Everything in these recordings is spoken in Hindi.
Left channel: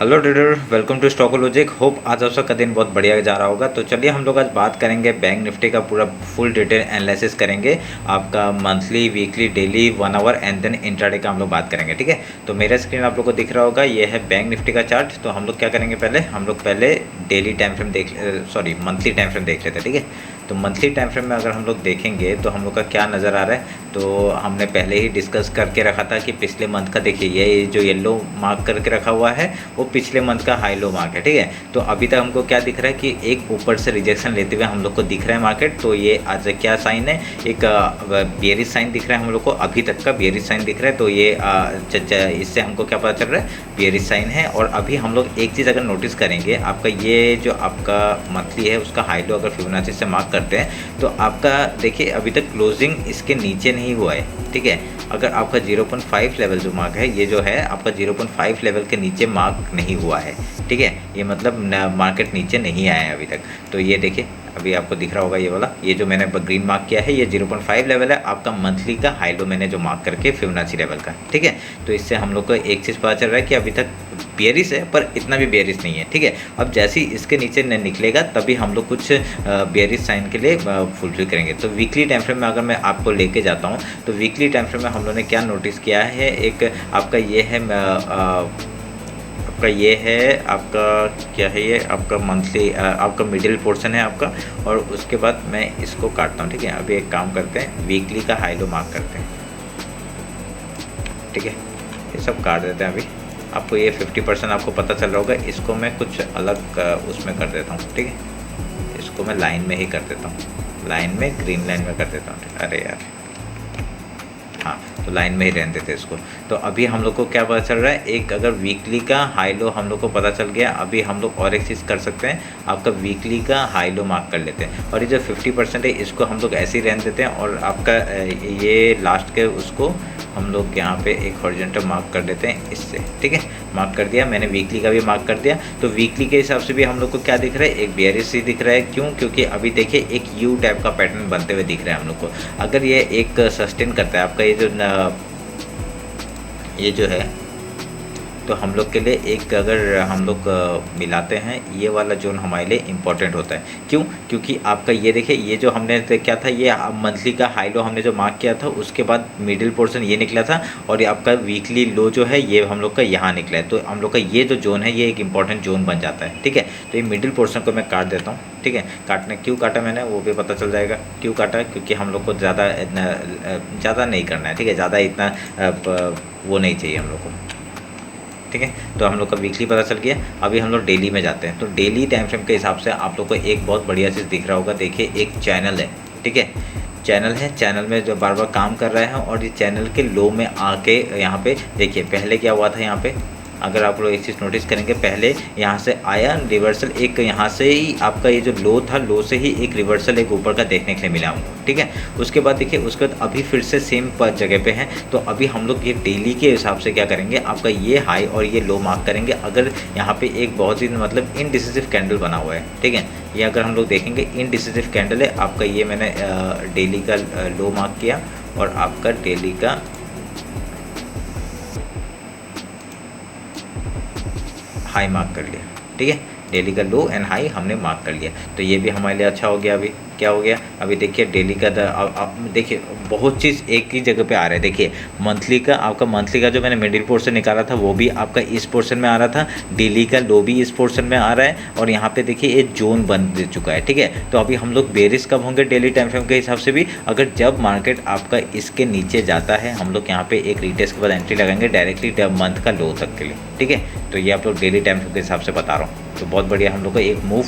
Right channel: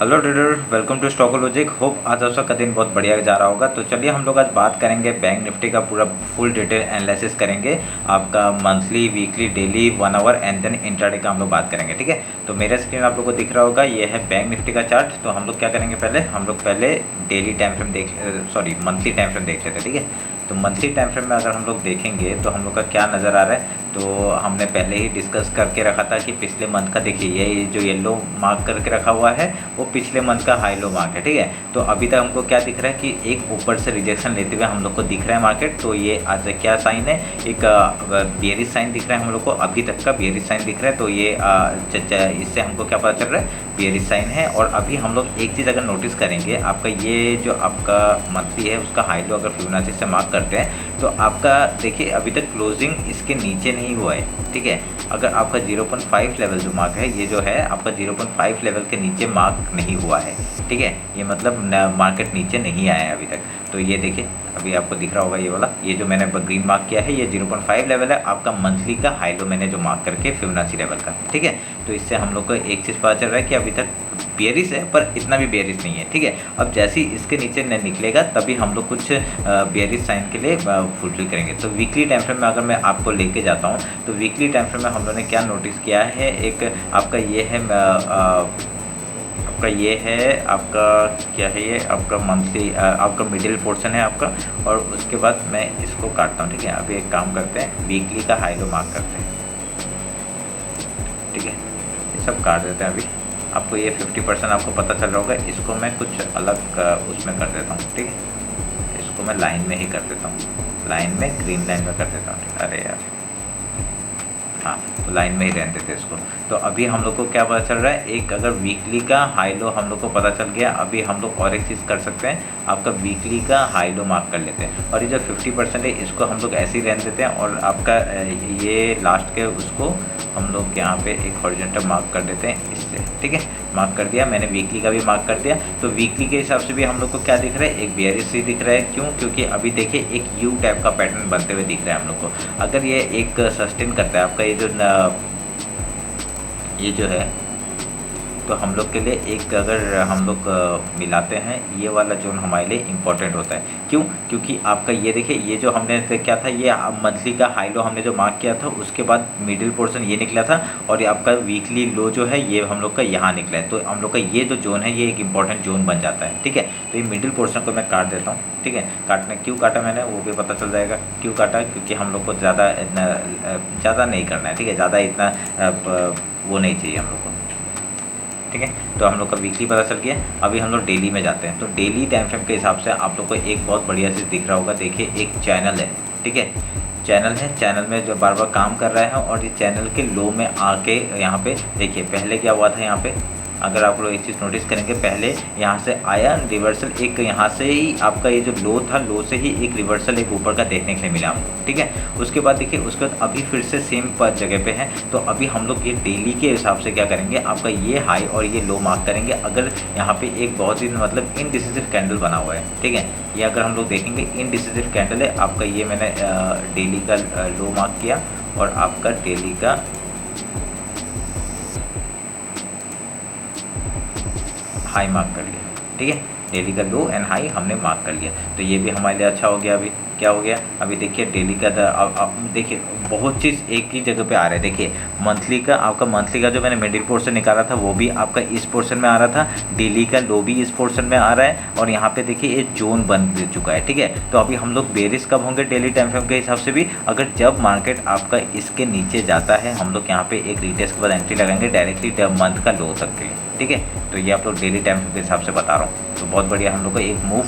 Hello trader, welcome to Stock Logic. Hope आज आपका दिन बहुत बढ़िया जा रहा होगा। तो चलिए हम लोग आज बात करेंगे बैंक निफ्टी का पूरा फुल डिटेल एनालिसिस करेंगे। आपका monthly, weekly, daily, 1 hour and then intraday का हम लोग बात करेंगे। ठीक है, तो मेरा स्क्रीन आप लोग को दिख रहा होगा, ये है बैंक निफ्टी का चार्ट। तो हम लोग क्या करेंगे, हम लोग पहले daily time frame monthly time frame देख लेते हैं। ठीक है, तो मंथली टाइम फ्रेम में अगर हम लोग देखेंगे तो हम लोग का क्या नज़र आ रहा है, तो हमने पहले ही डिस्कस करके रखा था कि पिछले मंथ का देखिए, ये जो येलो मार्क करके रखा हुआ है वो पिछले मंथ का हाई लो मार्क है। ठीक है, तो अभी तक हमको क्या दिख रहा है कि एक ऊपर से रिजेक्शन लेते हुए हम लोग को दिख रहा है मार्केट। तो ये आज क्या साइन है, एक बेयरिश साइन दिख रहा है हम लोग को, अभी तक का बेयरिश साइन दिख रहा है। तो ये इससे हमको क्या पता चल रहा है, बेयरिश साइन है। और अभी हम लोग एक चीज़ अगर नोटिस करेंगे, आपका ये जो आपका मंथली है उसका हाई लो अगर फिबोनाची से मार्क करते हैं तो आपका देखिए अभी तक क्लोजिंग इसके नीचे नहीं हुआ है। ठीक है, अगर आपका 0.5 लेवल जो मार्क है, ये जो है आपका 0.5 लेवल के नीचे मार्क नहीं हुआ है। ठीक है, ये मतलब मार्केट नीचे नहीं आया है अभी तक। तो ये देखिए अभी आपको दिख रहा होगा, ये वाला, ये जो मैंने ग्रीन मार्क किया है ये 0.5 लेवल है आपका मंथली का हाई लो मैंने जो मार्क करके फिबोनाची लेवल का। ठीक है, तो इससे हम लोग को एक चीज़ पता चल रहा है कि अभी तक बेयरिश है पर इतना भी बेयरिश नहीं है। ठीक है, अब जैसे ही इसके नीचे निकलेगा तभी हम लोग कुछ बेयरिश साइन के लिए फुलफिल करेंगे। तो वीकली टाइम फ्रेम में अगर मैं आपको लेके जाता हूँ तो वीकली टाइम फ्रेम में हम लोगों ने क्या नोटिस किया है, एक आपका ये है आपका क्या है, ये आपका मंथली आपका मिडिल पोर्शन है आपका। और उसके बाद मैं इसको काटता हूँ। ठीक है, अभी एक काम करते हैं, वीकली का हाई लो मार्क करते हैं। ठीक है, ये सब काट देते हैं। अभी आपको ये 50% आपको पता चल रहा होगा, इसको मैं कुछ अलग उसमें कर देता हूँ। ठीक है, इसको मैं लाइन में ही कर देता हूँ, लाइन में, ग्रीन लाइन में कर देता हूँ। अरे यार, हाँ, तो लाइन में ही रहने देते इसको। तो अभी हम लोग को क्या पता चल रहा है, एक अगर वीकली का हाई लो हम लोग को पता चल गया। अभी हम लोग और एक चीज़ कर सकते हैं, आपका वीकली का हाई लो मार्क कर लेते हैं और ये जो 50% है इसको हम लोग ऐसे ही रहने देते हैं। और आपका ये लास्ट के उसको हम लोग यहाँ पे एक हॉरिजॉन्टल मार्क कर देते हैं इससे। ठीक है, मार्क कर दिया मैंने, वीकली का भी मार्क कर दिया। तो वीकली के हिसाब से भी हम लोग को क्या दिख रहा है, एक बेयरिश ही दिख रहा है। क्यों? क्योंकि अभी देखिए एक यू टाइप का पैटर्न बनते हुए दिख रहा है हम लोग को। अगर ये एक सस्टेन करता है आपका ये जो है, तो हम लोग के लिए एक अगर हम लोग मिलाते हैं, ये वाला जोन हमारे लिए इम्पॉर्टेंट होता है। क्यों? क्योंकि आपका ये देखिए, ये जो हमने क्या था, ये मंथली का हाई लो हमने जो मार्क किया था उसके बाद मिडिल पोर्शन ये निकला था और ये आपका वीकली लो जो है ये हम लोग का यहाँ निकला है। तो हम लोग का ये जो जोन है ये एक इंपॉर्टेंट जोन बन जाता है। ठीक है, तो ये मिडिल पोर्शन को मैं काट देता हूँ। ठीक है, क्यों काटा मैंने वो भी पता चल जाएगा क्यों काटा, क्योंकि हम लोग को ज़्यादा नहीं करना है। ठीक है, ज़्यादा इतना वो नहीं चाहिए हम लोग को। ठीक है, तो हम लोग का वीकली पता चल गया। अभी हम लोग डेली में जाते हैं। तो डेली टाइम फ्रेम के हिसाब से आप लोग को एक बहुत बढ़िया चीज़ दिख रहा होगा, देखिए एक चैनल है। ठीक है, चैनल है, चैनल में जो बार बार काम कर रहा है और ये चैनल के लो में आके यहाँ पे देखिए पहले क्या हुआ था, यहाँ पे अगर आप लोग एक चीज़ नोटिस करेंगे, पहले यहाँ से आया रिवर्सल, एक यहाँ से ही आपका ये जो लो था, लो से ही एक रिवर्सल एक ऊपर का देखने के लिए मिला हमको। ठीक है, उसके बाद देखिए उसके बाद अभी फिर से सेम जगह पे है। तो अभी हम लोग ये डेली के हिसाब से क्या करेंगे, आपका ये हाई और ये लो मार्क करेंगे। अगर यहाँ पे एक बहुत ही मतलब इनडिसिसिव कैंडल बना हुआ है, ठीक है, ये अगर हम लोग देखेंगे इनडिसिसिव कैंडल है आपका, ये मैंने डेली का लो मार्क किया और आपका डेली का हाई मार्क कर लिया। ठीक है, डेली का लो एंड हाई हमने मार्क कर लिया। तो ये भी हमारे लिए अच्छा हो गया। अभी क्या हो गया, अभी देखिए डेली का देखिए बहुत चीज़ एक ही जगह पे आ रहा है। देखिए मंथली का, आपका मंथली का जो मैंने मिडिल पोर्शन निकाला था वो भी आपका इस पोर्शन में आ रहा था, डेली का लो भी इस पोर्शन में आ रहा है और यहाँ पे देखिए एक जोन बन चुका है। ठीक है, तो अभी हम लोग बेरिश कब होंगे डेली टाइम फ्रेम के हिसाब से भी, अगर जब मार्केट आपका इसके नीचे जाता है हम लोग यहाँ पे एक रीटेस्ट के बाद एंट्री लगाएंगे डायरेक्टली मंथ का लो तक के लिए। ठीक है, तो ये आप लोग डेली टाइम फ्रेम के हिसाब से बता रहा हूँ। तो बहुत बढ़िया हम लोग को एक मूव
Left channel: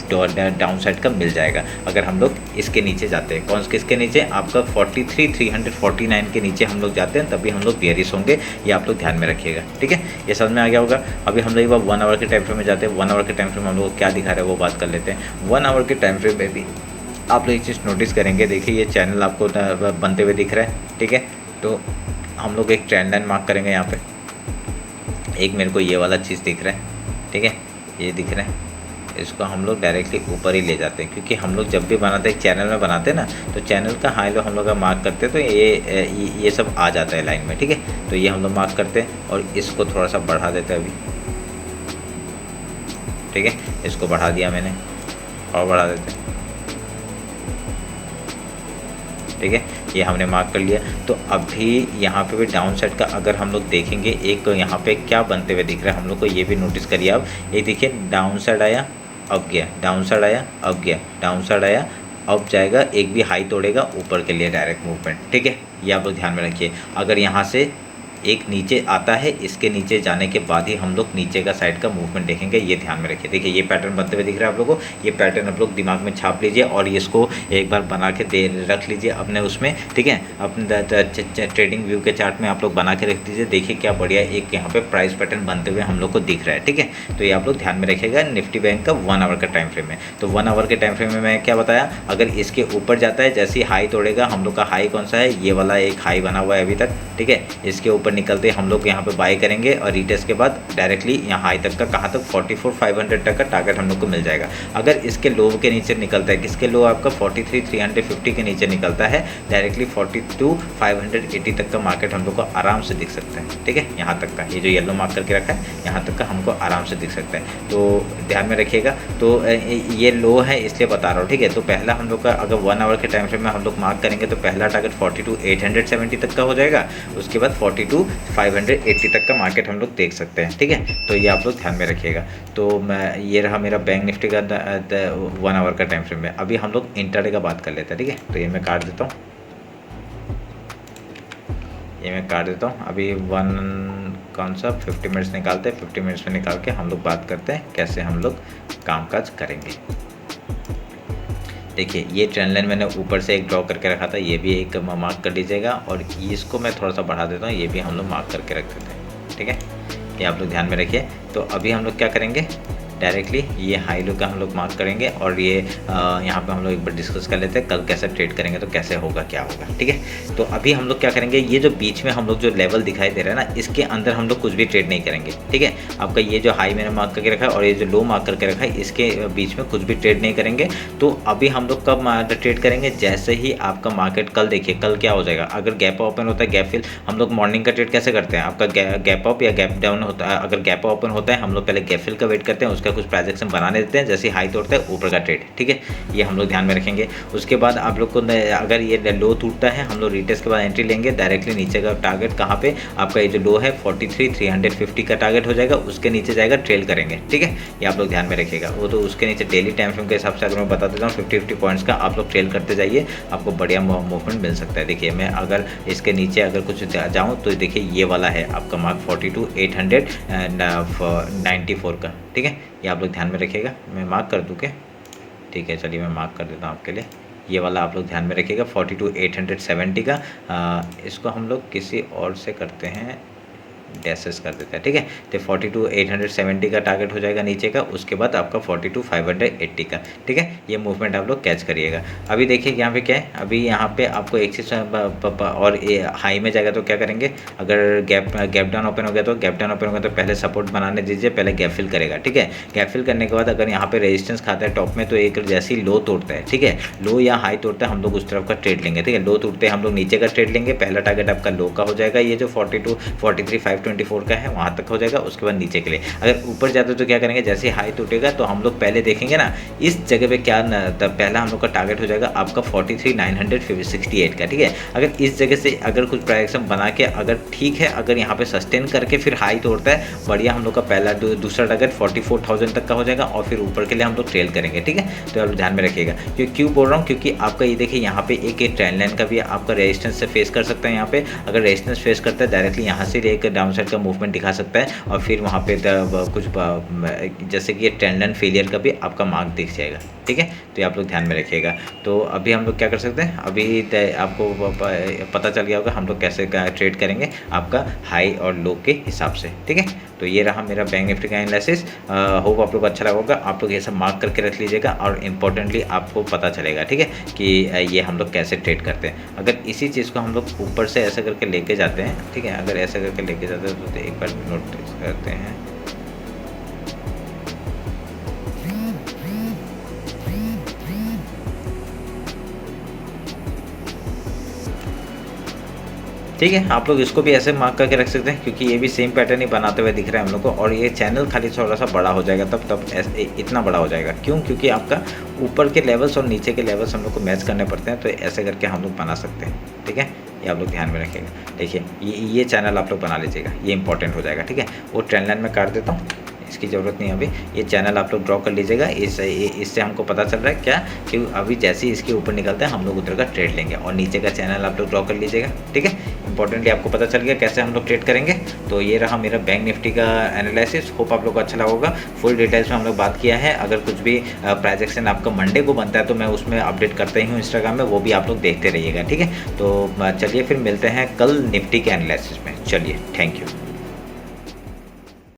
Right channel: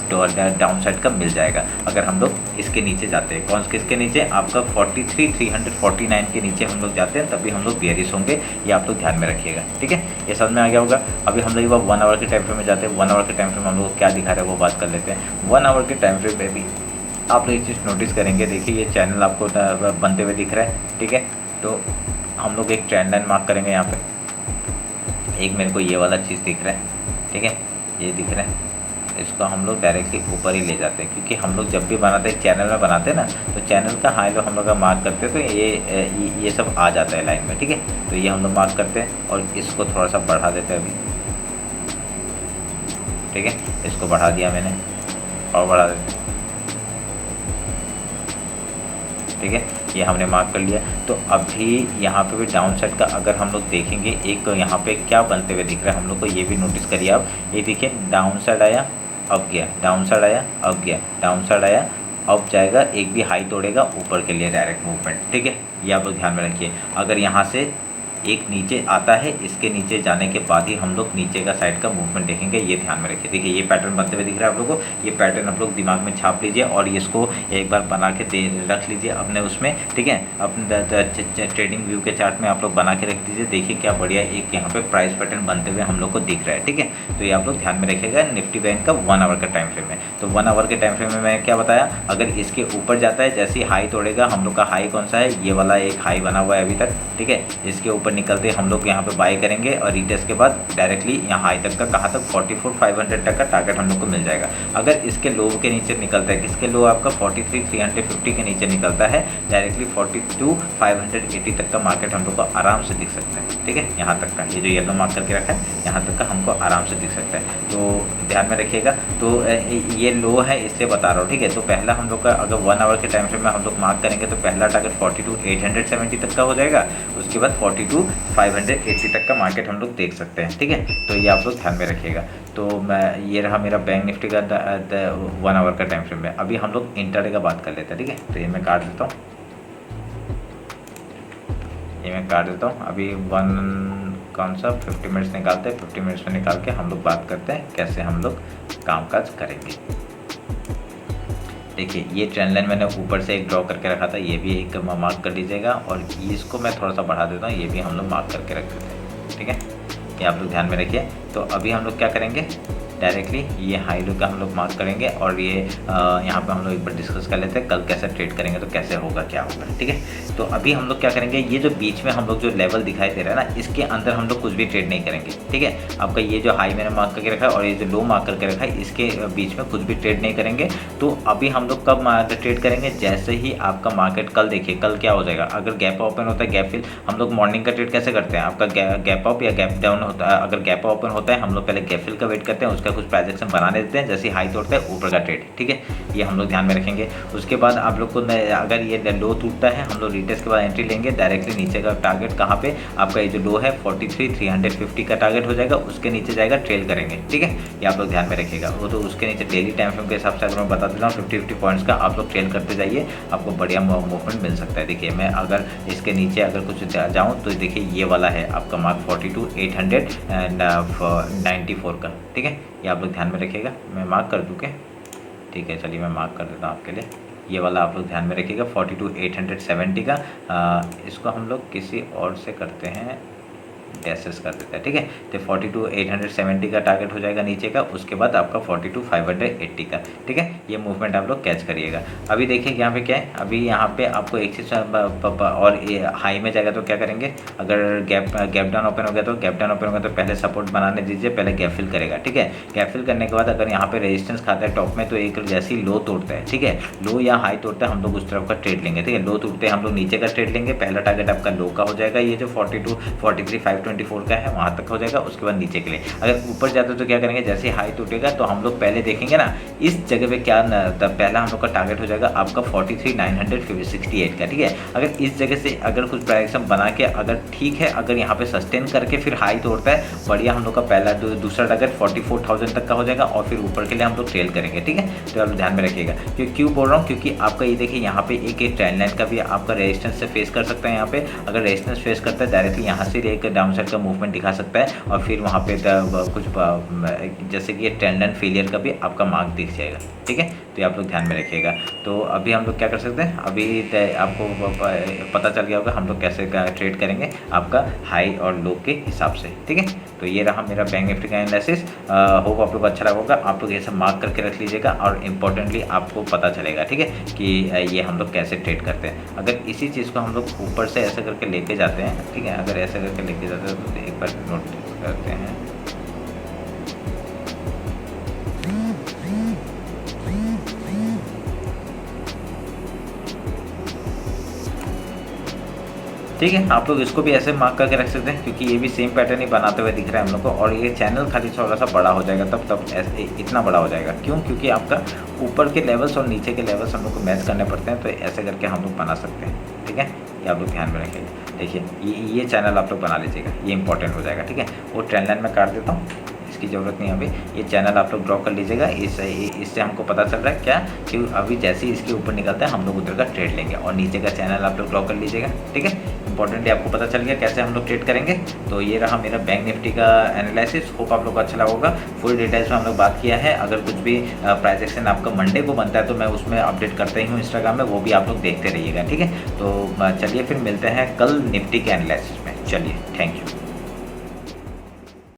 डाउन साइड का मिल जाएगा अगर हम लोग इसके नीचे जाते हैं। कौन किसके नीचे, आपका 43,349 के नीचे हम लोग जाते हैं, तभी हम लोग बेयरिश होंगे। ये आप लोग ध्यान में रखिएगा। ठीक है, ये समझ में आ गया होगा। अभी हम लोग एक बार 1 आवर के टाइम फ्रेम में जाते हैं। 1 आवर के टाइम फ्रेम हम लोग क्या दिखा रहा है वो बात कर लेते हैं। 1 आवर के टाइम फ्रेम में भी आप लोग एक चीज़ नोटिस करेंगे, देखिए ये चैनल आपको बनते हुए दिख रहा है। ठीक है, तो हम लोग एक ट्रेंड लाइन मार्क करेंगे यहाँ पे। एक मेरे को ये वाला चीज़ दिख रहा है। ठीक है, ये दिख रहा है, इसको हम लोग डायरेक्टली ऊपर ही ले जाते हैं, क्योंकि हम लोग जब भी बनाते हैं चैनल में बनाते हैं ना, तो चैनल का हाई लो हम लोग का मार्क करते हैं तो ये सब आ जाता है लाइन में। ठीक है, तो ये हम लोग मार्क करते हैं और इसको थोड़ा सा बढ़ा देते हैं। अभी ठीक है, इसको बढ़ा दिया मैंने और बढ़ा देते हैं, ठीक है, ये हमने मार्क कर लिया। तो अभी यहाँ पे भी डाउन साइड का अगर हम लोग देखेंगे, एक यहाँ पे क्या बनते हुए दिख रहा है हम लोग को, ये भी नोटिस करिए आप। ये देखिए डाउन साइड आया, अब गया, डाउन साइड आया, अब गया, डाउन साइड आया, अब जाएगा, एक भी हाई तोड़ेगा ऊपर के लिए डायरेक्ट मूवमेंट, ठीक है, ये आप लोग ध्यान में रखिए। अगर यहाँ से एक नीचे आता है, इसके नीचे जाने के बाद ही हम लोग नीचे का साइड का मूवमेंट देखेंगे, ये ध्यान में रखिए। देखिए ये पैटर्न बनते हुए दिख रहा है आप लोगों को, ये पैटर्न आप लोग दिमाग में छाप लीजिए और इसको एक बार बना के दे रख लीजिए अपने उसमें, ठीक है, अपने ट्रेडिंग व्यू के चार्ट में आप लोग बना के रख दीजिए। देखिए क्या बढ़िया एक यहाँ पे प्राइस पैटर्न बनते हुए हम लोग को दिख रहा है, ठीक है। तो ये आप लोग ध्यान में रखिएगा। निफ्टी बैंक का 1 आवर का टाइम फ्रेम है, तो 1 आवर के टाइम फ्रेम में मैं क्या बताया, अगर इसके ऊपर जाता है, जैसे ही हाई तोड़ेगा, हम लोग का हाई कौन सा है, ये वाला एक हाई बना हुआ है अभी तक, ठीक है, इसके ऊपर निकलते हम लोग यहाँ पे बाय करेंगे और रीटेस्ट के बाद डायरेक्टली यहाँ हाई तक का, कहाँ तक, 44,500 तक का टारगेट हम लोग को मिल जाएगा। अगर इसके लो के नीचे निकलता है, किसके लो आपका 43,350 के नीचे निकलता है, डायरेक्टली 42,580 तक का मार्केट हम लोग को आराम से दिख सकता है, ठीक है, यहाँ तक का, ये जो येलो मार्क करके रखा है यहाँ तक का हमको आराम से दिख सकता है। तो ध्यान में रखिएगा। तो ये लो है इसलिए बता रहा हूँ, ठीक है। तो पहला हम लोग का अगर 1 आवर के टाइम फ्रेम में हम लोग मार्क करेंगे तो पहला टारगेट 42,870 तक का हो जाएगा, उसके बाद 42,580 तक का मार्केट हम लोग देख सकते हैं, ठीक है। तो ये आप लोग ध्यान में रखिएगा। तो ये रहा मेरा बैंक निफ्टी का 1 आवर का टाइम फ्रेम में। अभी हम लोग इंट्राडे का बात कर लेते हैं, ठीक है। तो ये मैं काट देता हूँ, ये मैं काट देता हूँ। अभी कौन सा 50 मिनट्स निकालते हैं, 50 मिनट्स में निकाल के हम लोग बात करते हैं कैसे हम लोग कामकाज करेंगे। देखिए ये ट्रेंड लाइन मैंने ऊपर से एक ड्रॉ करके रखा था, ये भी एक मार्क कर लीजिएगा और इसको मैं थोड़ा सा बढ़ा देता हूँ, ये भी हम लोग मार्क करके रख देते हैं, ठीक है। ये आप लोग ध्यान में रखिए। तो अभी हम लोग क्या करेंगे, डायरेक्टली ये हाई लो का हम लोग मार्क करेंगे और ये यहाँ पे हम लोग एक बार डिस्कस कर लेते हैं कल कैसे ट्रेड करेंगे, तो कैसे होगा क्या होगा, ठीक है। तो अभी हम लोग क्या करेंगे, ये जो बीच में हम लोग जो लेवल दिखाई दे रहा है ना, इसके अंदर हम लोग कुछ भी ट्रेड नहीं करेंगे, ठीक है। आपका ये जो हाई मैंने मार्क करके रखा है और ये जो लो मार्क करके रखा है, इसके बीच में कुछ भी ट्रेड नहीं करेंगे। तो अभी हम लोग कब ट्रेड करेंगे, जैसे ही आपका मार्केट कल, देखिए कल क्या हो जाएगा, अगर गैप ओपन होता है, गैप फिल, हम लोग मॉर्निंग का ट्रेड कैसे करते हैं, आपका गैप अप या गैप डाउन होता है, अगर गैप ओपन होता है हम लोग पहले गैप फिल का वेट करते हैं, उसका कुछ ट्रांजेक्शन बनाने देते हैं, जैसे हाई तोड़ता है ऊपर का ट्रेड, ठीक है। ये हम लोग ध्यान में रखेंगे। उसके बाद आप लोग को अगर ये लो टूटता है, हम लोग रिटेस्ट के बाद एंट्री लेंगे, डायरेक्टली नीचे का टारगेट कहाँ पे, आपका ये जो लो है 43,350 का टारगेट हो जाएगा, उसके नीचे जाएगा, ट्रेल करेंगे, ठीक है। ये आप लोग ध्यान में रखिएगा। वो तो उसके नीचे डेली टाइम फ्रेम के हिसाब से अगर मैं बता देता हूँ 50 पॉइंट्स का, आप लोग ट्रेल करते जाइए, आपको बढ़िया मूवमेंट मिल सकता है। देखिए मैं अगर इसके नीचे अगर कुछ जाऊँ तो देखिए ये वाला है आपका मार्क 42,894 का, ठीक है। ये आप लोग ध्यान में रखिएगा। मैं मार्क कर दूँ क्या, ठीक है, चलिए मैं मार्क कर देता हूँ आपके लिए। ये वाला आप लोग ध्यान में रखिएगा 42,870 का। इसको हम लोग किसी और से करते हैं, डैसेस कर देते हैं, ठीक है। तो 42,870 का टारगेट हो जाएगा नीचे का, उसके बाद आपका 42,580 का, ठीक है। ये मूवमेंट आप लोग कैच करिएगा। अभी देखिए यहाँ पे क्या है, अभी यहाँ पे आपको एक चीज़ और हाई में जाएगा तो क्या करेंगे, अगर गैप डाउन ओपन हो गया तो गैप डाउन ओपन हो गया तो पहले सपोर्ट बनाने दीजिए, पहले गैप फिल करेगा, ठीक है। गैप फिल करने के बाद अगर यहाँ पे रेजिस्टेंस खाता है टॉप में, तो एक जैसी लो तोड़ता है, ठीक है, लो या हाई तोड़ता है, हम लोग उस तरफ का ट्रेड लेंगे, ठीक है। लो तोड़ते हैं हम लोग नीचे का ट्रेड लेंगे, पहला टारगेट आपका लो का हो जाएगा, ये जो 43,524 का है वहाँ तक हो जाएगा, उसके बाद नीचे के लिए अगर ऊपर जाते तो क्या करेंगे, जैसे हाई टूटेगा तो हम लोग पहले देखेंगे ना इस जगह पे क्या पहला हम लोग का टारगेट हो जाएगा आपका 43,968 का, ठीक है। अगर इस जगह से अगर कुछ प्राइजेक्शन बना के अगर ठीक है, अगर यहाँ पे सस्टेन करके फिर हाई तोड़ता है, बढ़िया, हम लोग का पहला दूसरा टारगेट 44,000 तक का हो जाएगा और फिर ऊपर के लिए हम लोग ट्रेल करेंगे, ठीक है। तो आप ध्यान में रखिएगा। क्यों बोल रहा हूँ, क्योंकि आपका ये देखिए यहाँ पे एक ट्रेंड लाइन का भी आपका रेजिस्टेंस से फेस कर सकता है। यहाँ पे अगर रेजिस्टेंस फेस करता है, डायरेक्टली यहाँ से एक डाउन साइड का मूवमेंट दिखा सकता है और फिर वहाँ पे कुछ जैसे कि ये ट्रेंड लाइन फेलियर का भी आपका मार्क दिख जाएगा, ठीक है। तो ये आप लोग ध्यान में रखिएगा। तो अभी हम लोग क्या कर सकते हैं, अभी आपको पता चल गया होगा हम लोग कैसे ट्रेड करेंगे आपका हाई और लो के हिसाब से, ठीक है। तो ये रहा मेरा बैंक निफ्टी का एनालिसिस। होप आप लोग अच्छा लगा होगा। आप लोग ये सब मार्क करके रख लीजिएगा और इम्पोर्टेंटली आपको पता चलेगा, ठीक है, कि ये हम लोग कैसे ट्रेड करते हैं। अगर इसी चीज़ को हम लोग ऊपर से ऐसे करके लेके जाते हैं, ठीक है, अगर ऐसे करके लेके जाते हैं तो एक बार नोटिस करते हैं, ठीक है, आप लोग इसको भी ऐसे मार्क करके रख सकते हैं क्योंकि ये भी सेम पैटर्न ही बनाते हुए दिख रहा है हम लोग को, और ये चैनल खाली थोड़ा सा बड़ा हो जाएगा, तब ऐसे इतना बड़ा हो जाएगा। क्यों? क्योंकि आपका ऊपर के लेवल्स और नीचे के लेवल्स हम लोग को मैच करने पड़ते हैं, तो ऐसे करके हम लोग बना सकते हैं। ठीक है, ये आप लोग ध्यान में रखिएगा। देखिए ये चैनल आप लोग बना लीजिएगा, ये इंपॉर्टेंट हो जाएगा। ठीक है, वो ट्रेंड लाइन में काट देता हूँ, इसकी ज़रूरत नहीं है अभी। ये चैनल आप लोग ड्रॉ कर लीजिएगा। इससे हमको पता चल रहा है क्या कि अभी जैसे ही इसके ऊपर निकलता है हम लोग उधर का ट्रेड लेंगे, और नीचे का चैनल आप लोग ड्रॉ कर लीजिएगा। ठीक है, इंपॉर्टेंटली आपको पता चल गया कैसे हम लोग ट्रेड करेंगे। तो ये रहा मेरा बैंक निफ्टी का एनालिसिस। होप आप लोग को अच्छा लगा होगा। फुल डिटेल्स में हम लोग बात किया है। अगर कुछ भी प्राइस एक्शन आपका मंडे को बनता है तो मैं उसमें अपडेट करता ही हूँ इंस्टाग्राम में, वो भी आप लोग देखते रहिएगा। ठीक है, तो चलिए फिर मिलते हैं कल निफ्टी के एनालिसिस में। चलिए, थैंक यू।